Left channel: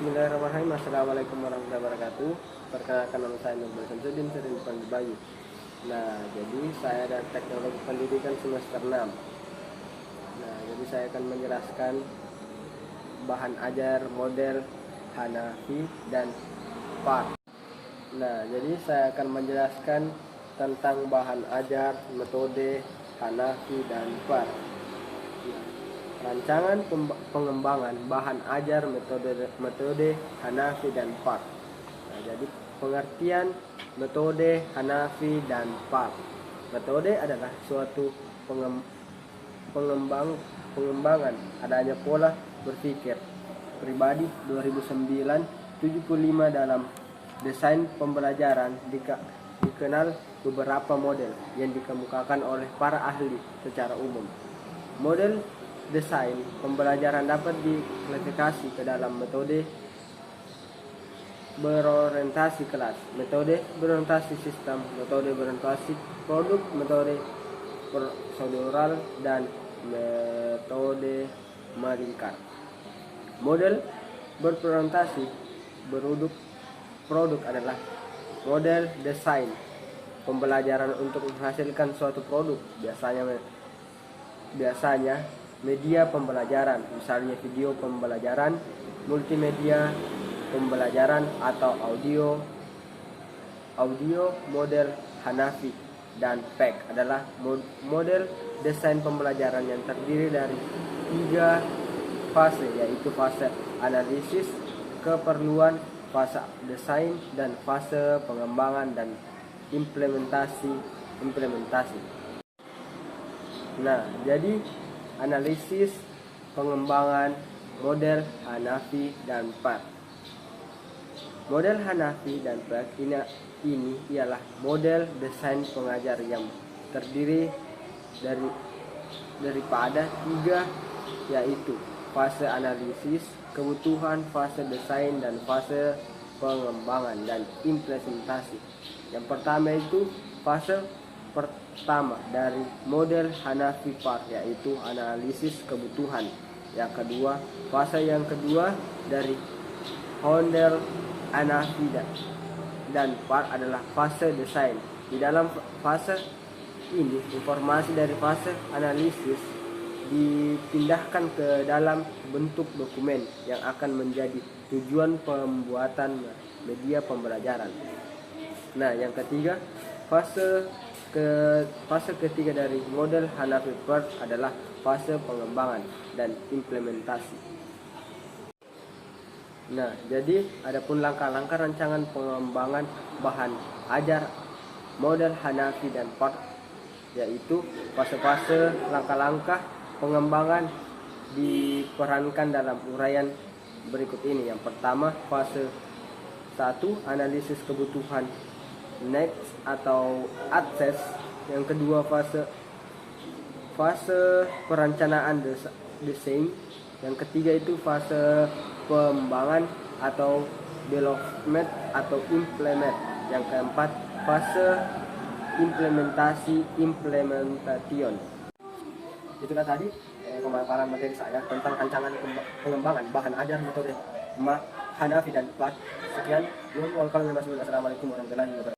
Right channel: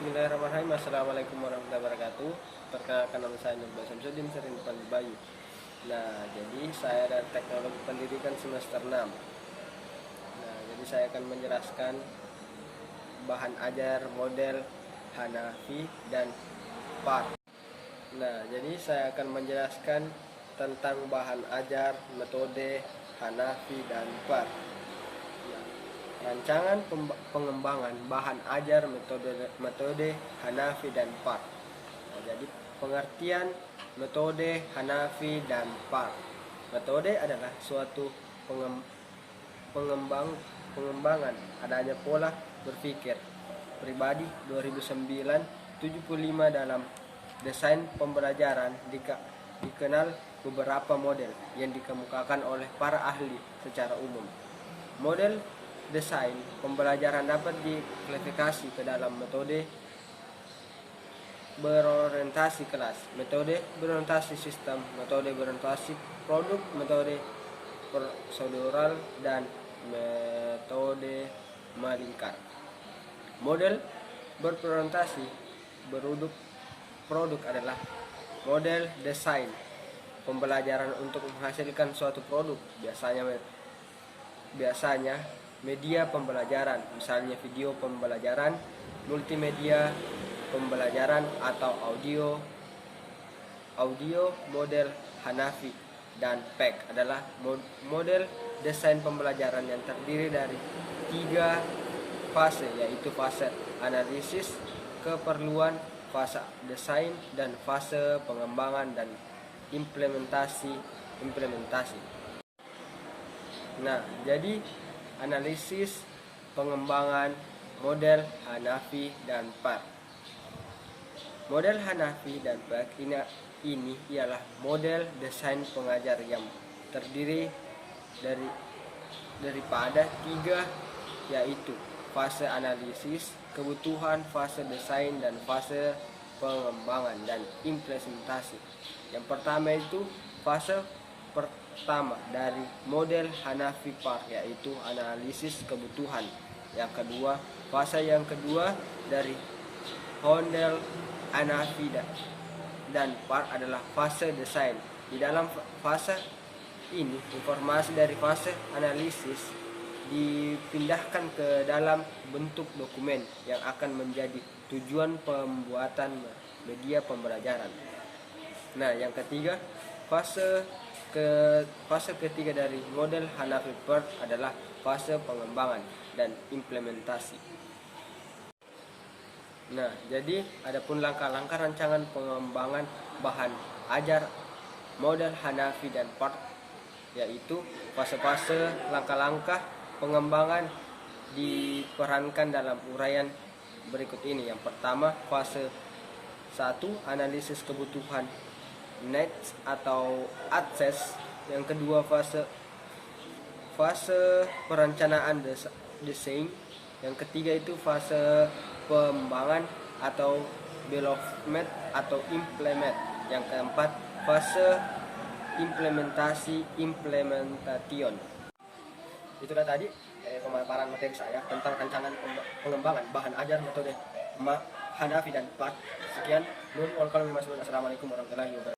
Bismillahirrahmanirrahim. Assalamualaikum warahmatullahi wabarakatuh. Perkenalkan, nama saya Nurul Samsudin, sering dipanggil Bayu. Nah, jadi saya ada teknologi pendidikan semester 6. Nah, jadi saya akan menjelaskan bahan ajar model Hanafi dan PAR. Nah, jadi saya akan menjelaskan tentang bahan ajar, metode Hanafi dan PAR. Rancangan pengembangan bahan ajar metode Hanafi dan PAR. Nah, jadi pengertian metode Hanafi dan PAR. Metode adalah suatu pengembangan adanya pola berpikir pribadi 2009 75 dalam desain pembelajaran dikenal beberapa model yang dikemukakan oleh para ahli secara umum. Model desain pembelajaran dapat diklasifikasi ke dalam metode berorientasi kelas, metode berorientasi sistem, metode berorientasi produk, metode prosedural, dan metode melingkar. Model berorientasi produk adalah model desain pembelajaran untuk menghasilkan suatu produk, biasanya media pembelajaran, misalnya video pembelajaran, multimedia pembelajaran, atau audio. Model Hanafi dan PEC adalah model desain pembelajaran yang terdiri dari 3 fase, yaitu fase analisis keperluan, fase desain, dan fase pengembangan dan implementasi. Nah, jadi analisis pengembangan model Hanafi dan PAR. Model Hanafi dan PAR ini ialah model desain pengajar yang terdiri daripada 3, yaitu fase analisis kebutuhan, fase desain, dan fase pengembangan dan implementasi. Yang pertama itu fase pertama dari model Hanafi PAR, yaitu analisis kebutuhan. Yang kedua, fase yang kedua dari model Hanafi dan PAR adalah fase desain. Di dalam fase ini, informasi dari fase analisis dipindahkan ke dalam bentuk dokumen yang akan menjadi tujuan pembuatan media pembelajaran. Nah, yang ketiga, fase ketiga dari model Hanafi PAR adalah fase pengembangan dan implementasi. Nah, jadi adapun langkah-langkah rancangan pengembangan bahan ajar model Hanafi dan PAR, yaitu fase-fase langkah-langkah pengembangan diperankan dalam uraian berikut ini. Yang pertama, fase 1, analisis kebutuhan needs atau akses. Yang kedua, fase perencanaan desain. Yang ketiga itu fase pengembangan atau development atau implement. Yang keempat, fase implementation. Itulah tadi pemaparan materi saya tentang rancangan pengembangan bahan ajar metode Hanafi dan PAR. Sekian. Assalamualaikum warahmatullahi wabarakatuh.